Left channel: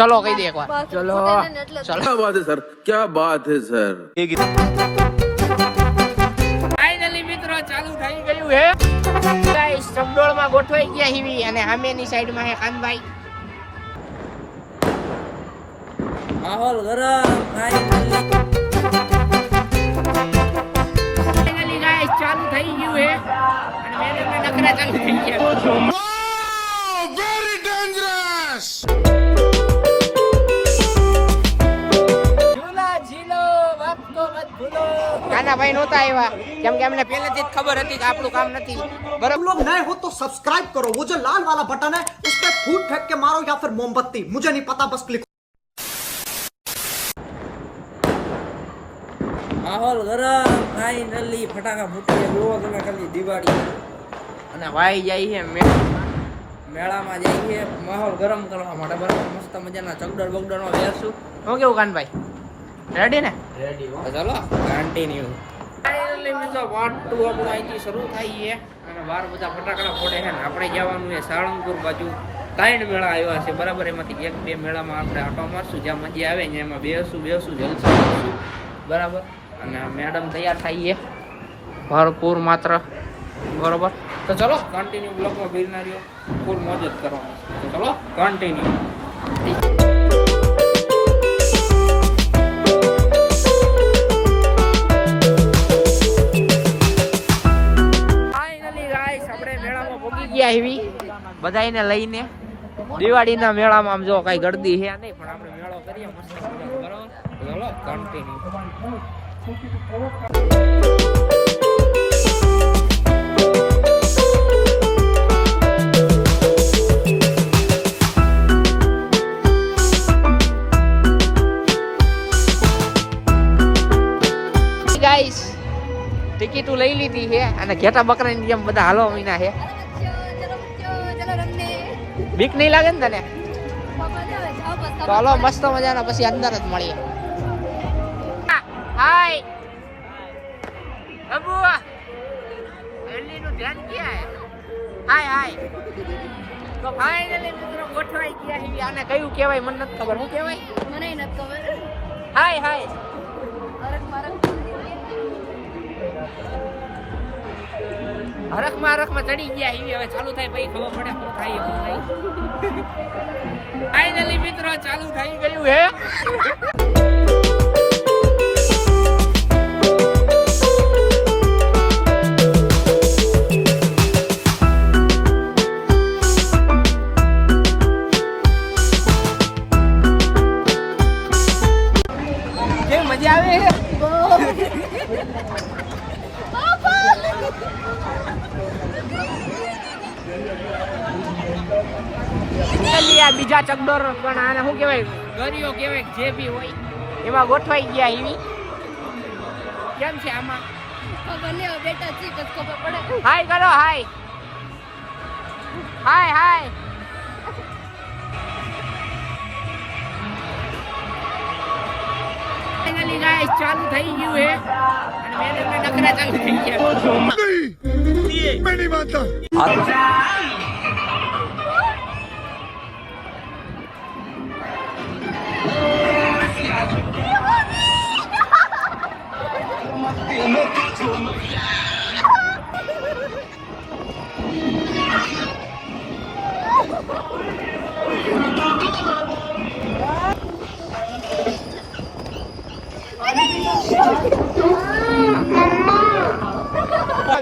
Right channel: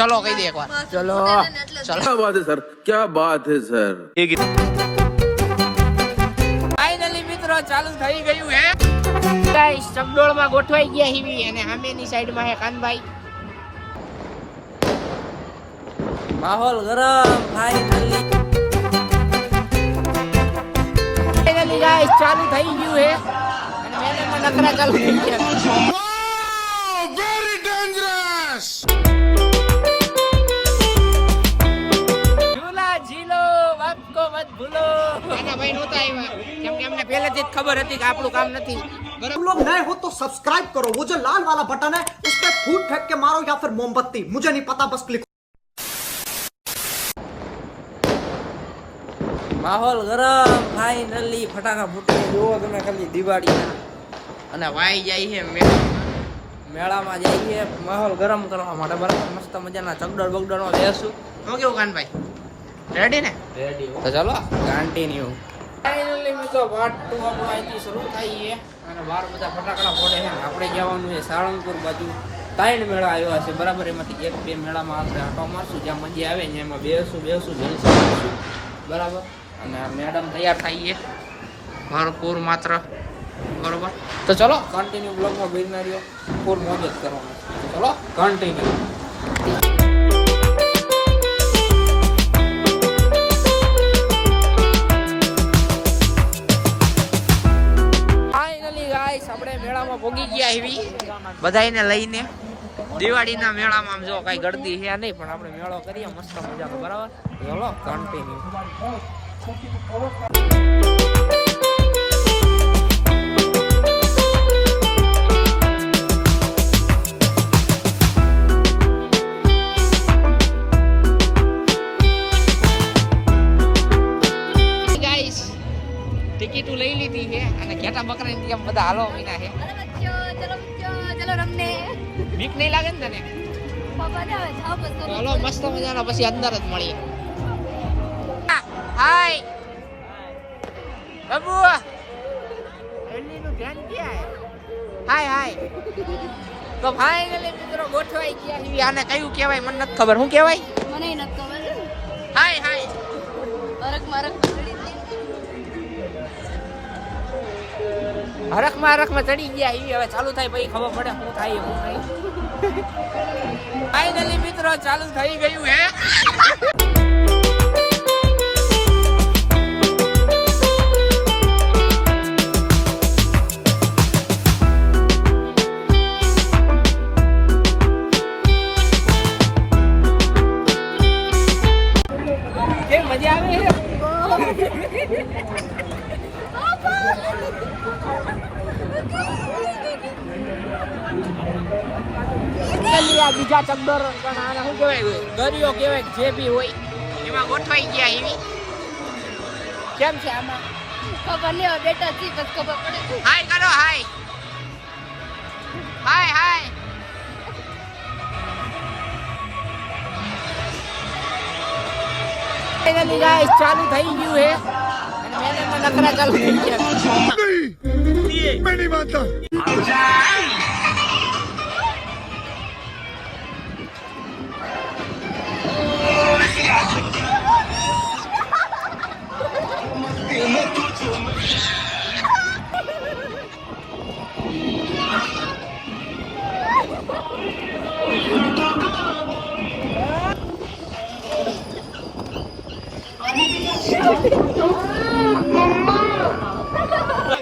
ચલો કહી દે એકવાર ચલો क्या बात है सर, क्या बात है सर। ફાઇનલી મિત્રો ચાલુ થઈ ગયું હે ગાઈસ ચકડોળ માં ગોઠવાઈ ગયા હીવી અને સામેની સાઈડ માં હે કાનભાઈ માહોલ ગરમ ફાઇનલી ગાઈસ ચાલુ થઈ ગયું હે અને મેરેજના નખરા ચાલુ થઈ ગયા वेरी डेंजरस। झूला झीलो बाप को मत भूलो કાના ભાઈ નહોતા આવ્યા કેમ કે અમને પહેલેથી જ ખબર હતી કે આપણું કામ નથી બરાબર तुम लोग नए हो तो सब्सक्राइब करो, वो जो लाल वाला बटन है उस पे फूट फेंक के मारो या फिर मोमबत्ती, मुझे नहीं पता, बस क्लिक। માહોલ ગરમ ફાઇનલી ફટાકા ફૂટે જોવો તમે ખાલી દિવાળી અને વાઈ જાય છે મેળામાં જઈએ માહોલ ગરમ કરવા માટે બરાબર મસ્ત મજાના ચકડોળ બગડોળમાં બેસું હું કેવું કાનભાઈ રેડી ને રેડી તો ચલો કન્ટિન્યુ ફાઇનલી મિત્રો પાર્ટ 2 આપણો અહીંથી શરૂ થાય છે અને બહાર બધા ફટાકડા ફોડે છે ને આપણે જવાનું છે સાળંગપુર બાજુ 3 મેળા આવ્યા છે બરાબર એમાંથી 1-2 મેળામાં આપણે આટો મારશું જ્યાં મજા આવે ને એમાં બેસું જલસા કરશું બરાબર અને મેડમ તૈયાર થઈ છે ભરપૂર માત્ર બરોબર તો ચલો કન્ટિન્યુ બ્લોગમાં બેસના રહ્યો ફૂલ મોજ જ કરવાનું તો ચલો કન્ટિન્યુ ફાઇનલી ગાઈસ આપણે મેળામાં પહોંચી ગયા એવી બધાયને લઈને દિવાળીના મેળામાં આમ જો કઈ ગળદી છે નહીં પણ આપણે મેળો કરીએ મસ્ત મજાનો બરાબર ચલો કન્ટિન્યુ ગાઈસ ટિકિટો લઈ લીધી છે અને ઘેટા બકરાની જેમ બધા હાલો મીના છે બીક નહીં લાગે ને તને તો હાલો મસ્ત મજાના પછી અંદર જ મળીએ હાય બાબુ એલીનું ધ્યાન ક્યાં હાય હાય તો ફાઇનલી મિત્રો ગોઠવાઈ ગયા છે આને કયું કહેવાય મને નથી ખબર શું કહેવાય મને નથી ખબર હાય હાય હરખમાં ચડી ગયા એવી હવે ચાલુ થાય પછી ખબર પડે શું થાય ફાઇનલી મિત્રો ચાલુ થઈ ગયું હે કેમ મજા આવે બીજા ચંદોર પણ આને શું કહેવાય ગરીઓ કહેવાય જે બી હોય એમાં ગોઠવાઈ ગયા એવી કેમ છે આમાં ખબર નહીં બેટા જી બસ ખબર પડે હાય કરો હાય હાય હાય ફાઇનલી ગાઈસ ચાલુ થઈ ગયું હે અને મેરેજના નખરા ચાલુ થઈ ગયા मैं नहीं मानता।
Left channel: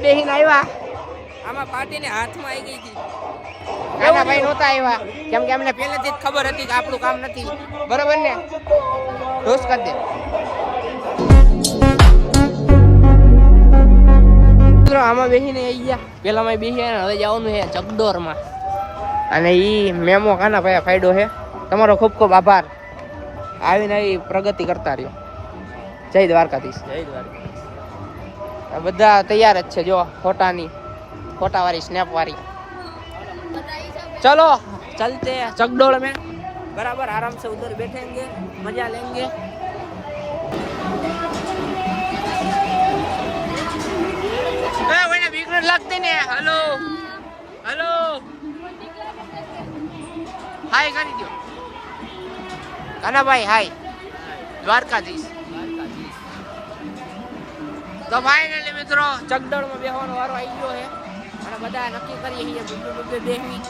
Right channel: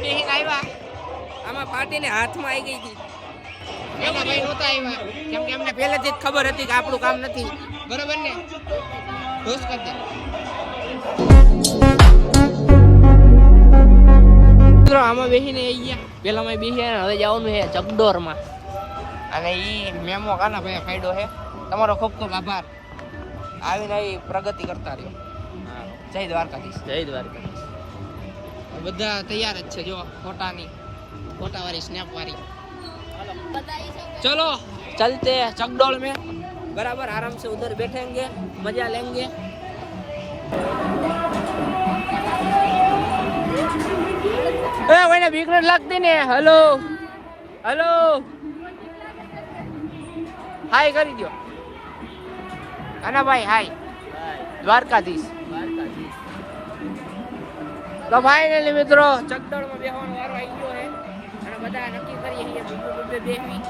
બેહીને આવ્યા આમાં પાર્ટીને હાથમાં આવી ગઈ હતી કાના ભાઈ નહોતા આવ્યા કેમ કે અમને પહેલેથી જ ખબર હતી કે આપણું કામ નથી બરોબર ને ઢોસ કરી દે મિત્રો આમાં બેસીને આવી ગયા પેલામાં બેસી હવે જવાનું છે ચકડોરમાં અને ઈ મેમો કાના ભાઈ ફાયદો છે તમારો ખૂબ ખૂબ આભાર આવીને આવી પ્રગતિ કરતા રહ્યો જય દ્વારકાધીશ જય દ્વારકા આ બધા તૈયાર જ છે જો ફોટા वाली स्नैप वाली चलो चलते हैं चकडोल में बराबर आराम से उधर बैठेंगे मजा लेंगे कोई बीक लगती ने हेलो हेलो हाय कर दो કાનાભાઈ હાય દ્વારકાધીશ. તો ફાઇનલી મિત્રો ચકડોળમાં બેહવાનો વારો આવી ગયો છે અને બધા નક્કી કરીએ છીએ બબે બેહવી,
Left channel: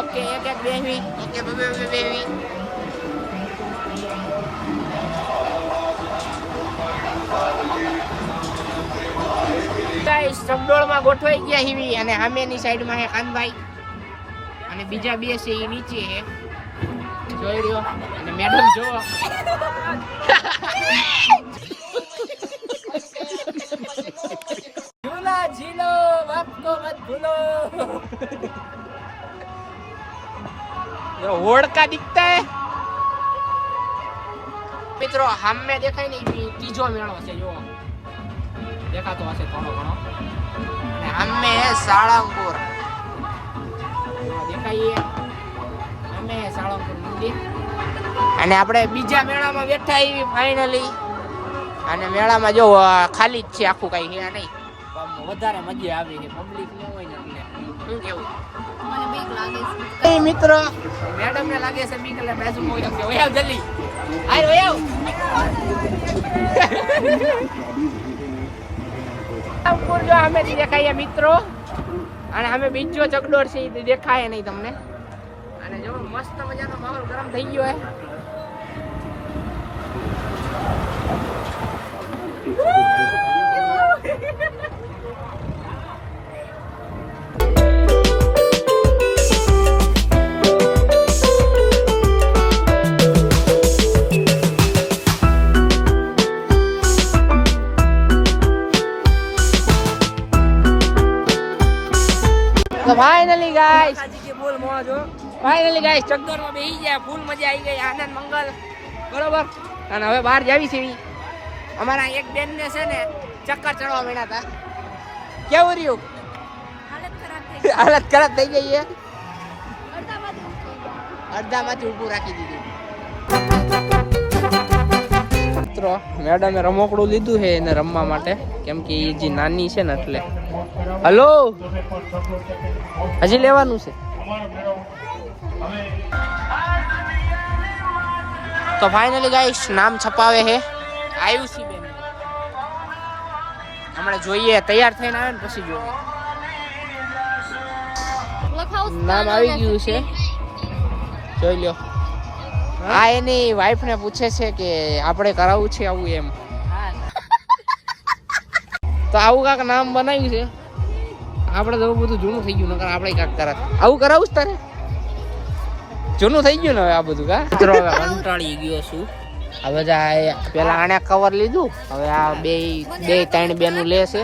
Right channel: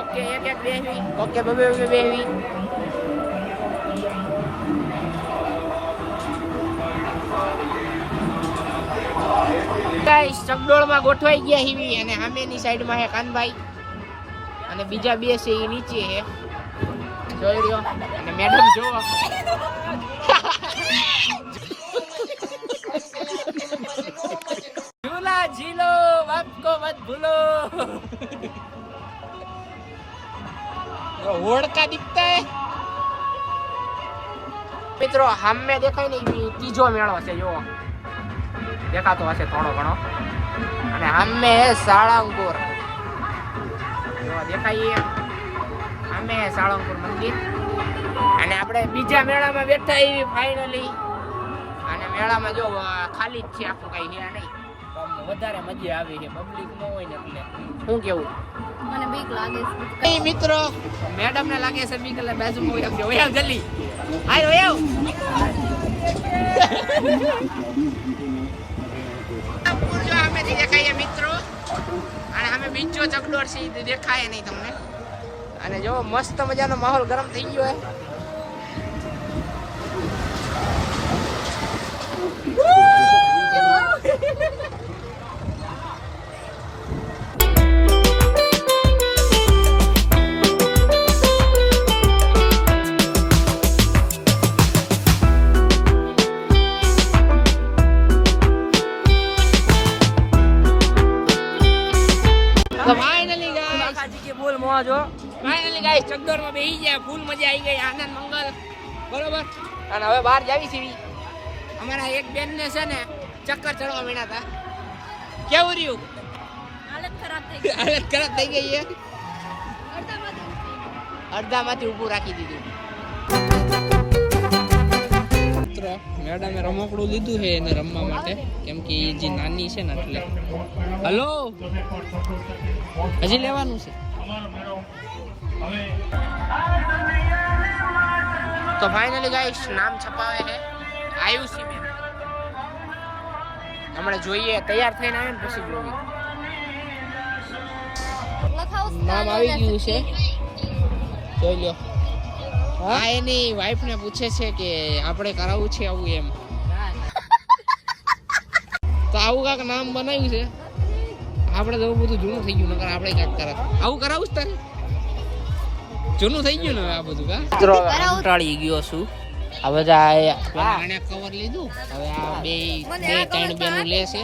ઓકે એક એક બેહવી, ઓકે બબે બેહવી. ગાઈસ ચકડોળમાં ગોઠવાઈ ગયા હીવી અને સામેની સાઈડમાં છે કાનભાઈ અને બીજા બે છે એ નીચે છે જોઈ રહ્યો અને મેડમ જો झूला झीलो बाप को मत भूलो. ये होड़ का दिखता है મિત્રો. સામે દેખાય ને ત્રીજો મેળો છે જો દેખાતો હશે થોડો ઘણો અને સામે સાળંગપુર દેખાય સામે સાળંગપુર મંદિર અને આપણે બીજા મેળામાં બેઠા એવી ફાઇનલી અને મેળામાં જો ખાલી જ છે આખું કઈ છે નહીં. વધારે મજા આવે છે પબ્લિક ન હોય ને એટલે શું કેવું મને બીક લાગે છે. એ મિત્રો મેડમ ને લાગે છે બીક એટલે બાજુમાં હોય કે ઓયાવ જલ્દી આય ઓયાવ ઉપર જો સામેથી દેખાય મિત્રો અને અમે બીજો ચકડોળ છે એ દેખાય નહીં તમને અને જો મસ્ત મજાનો માહોલ ગરમ થઈ ગયો છે. તો ફાઇનલી ગાઈસ ફૂલ મોજ હો. ફાઇનલી ગાઈસ ચકડોળમાં બેસી ગયા, ફૂલ મજા આવી ગઈ, આનંદ મંગલ બરોબર. અને હવે બહાર જાવી છે અમારા એક બેન ને છે ને ચક્કર ચડવા માંડ્યા હતા. કેવું રહ્યું? હાલત ખરાબ થઈ ગઈ છે. અડધામાંથી ઊભું રાખી દીધું. મિત્રો મેડમે રમકડું લીધું છે એને રમવા માટે કેમ કે એ જે નાની છે ને એટલે. હલો હજી લેવાનું છે તો ફાઇનલી ગાઈસ નામ છપાવે છે આયુષી બેન. હમણાં જોઈએ તૈયાર થઈને આવે ને પછી જોઈએ. નામ આવી ગયું છે જોઈ લ્યો. આ એની વાઈફ ને પૂછે છે કે આપણે કરાવવું છે આવું એમ. તો આવું કાંક નામ બનાવ્યું છે. આપણે તો બધું જૂનું થઈ ગયું નકર આપણે કાંક કરાત આવું કરાવું જ તારે. જૂનું થઈ ગયું ને હવે આ બધું કા કંટાળી ગયો છું. આ બધા પેલા આને કવર લીધું હવે આ બે ત્રણ બેનું લે છે.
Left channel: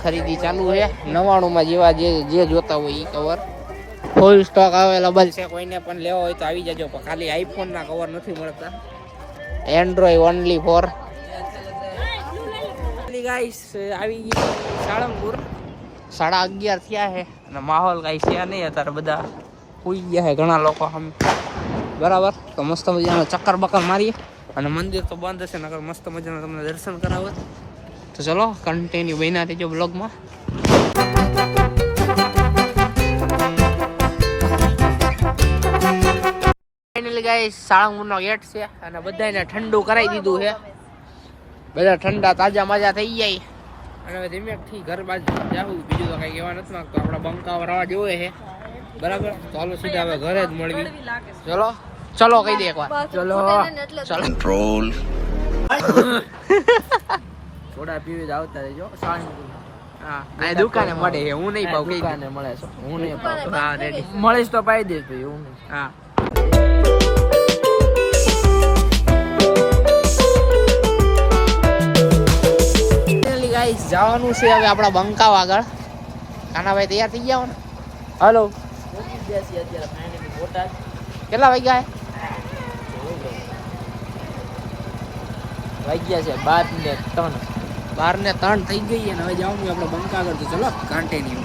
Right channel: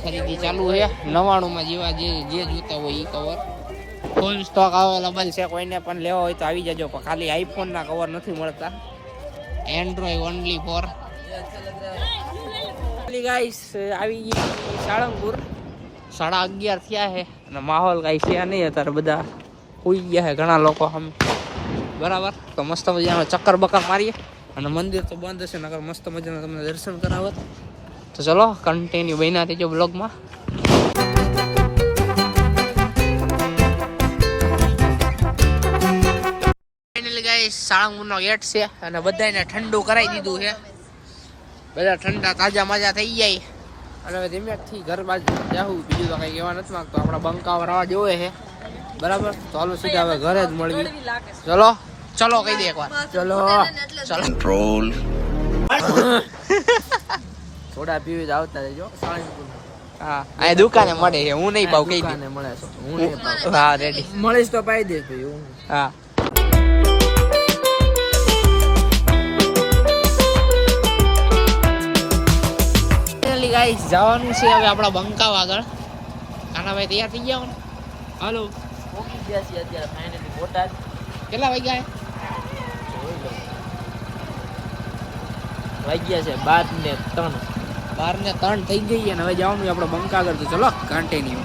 ખરીદી ચાલુ છે 99 માં જેવા જે જોતા હોય એ કવર ફૂલ સ્ટોક અવેલેબલ છે. કોઈને પણ લેવો હોય તો આવી જજો. ખાલી આઈફોન ના કવર નથી મળતા, એન્ડ્રોઈડ ઓનલી ફોર. ગાઈસ આવી ગઈ સાળંગપુર 11:30 થયા છે અને માહોલ કઈ છે નહીં અત્યારે. બધા ઉઈ ગયા છે ઘણા લોકો આમ બરાબર. તો મસ્ત મજાનો ચક્કર બક્કર મારીએ અને મંદિર તો બંધ હશે નકર મસ્ત મજાના તમને દર્શન કરાવત. તો ચલો કન્ટિન્યુ બન્યા થજો બ્લોગમાં. ફાઇનલી ગાઈસ સાળંગપુરનો ગેટ છે અને બધાને ઠંડુ કરાવી દીધું છે. બધા ઠંડા તાજા માજા થઈ જાય અને હવે ધીમેથી ઘર બાજુ જાવું. બીજું તો કઈ કહેવા નથી માંગતો. આપણા બંકાવ રવા જોવે છે બરાબર. તો હાલો સીધા હવે ઘરે જ મળવી. ચલો ચલો કહી દે એકવાર ચલો ચલો कंट्रोल થોડા પીવી જ આવતા રહેજો સાળંગપુરમાં. હા આ દુકાને મળે છે. હું નહીં પાઉં. કઈ દુકાને મળે છે? હું નહીં પાઉં. હા રેડી મળીશ તો પાઈ દઈશ ભાઈ. હું હા ગાઈસ જવાનું છે હવે આપણા બંકાવ આગળ. કાનાભાઈ તૈયાર થઈ ગયા હો ને? હલો અત્યારે ફાઇનલી બોટાદ. કેટલા વાગ્યા વાગ્યા છે 12:03. 12:03 થઈ ગઈ અને હવે જવાનું આપણે બંકા આગળ. તો ચલો કન્ટિન્યુ.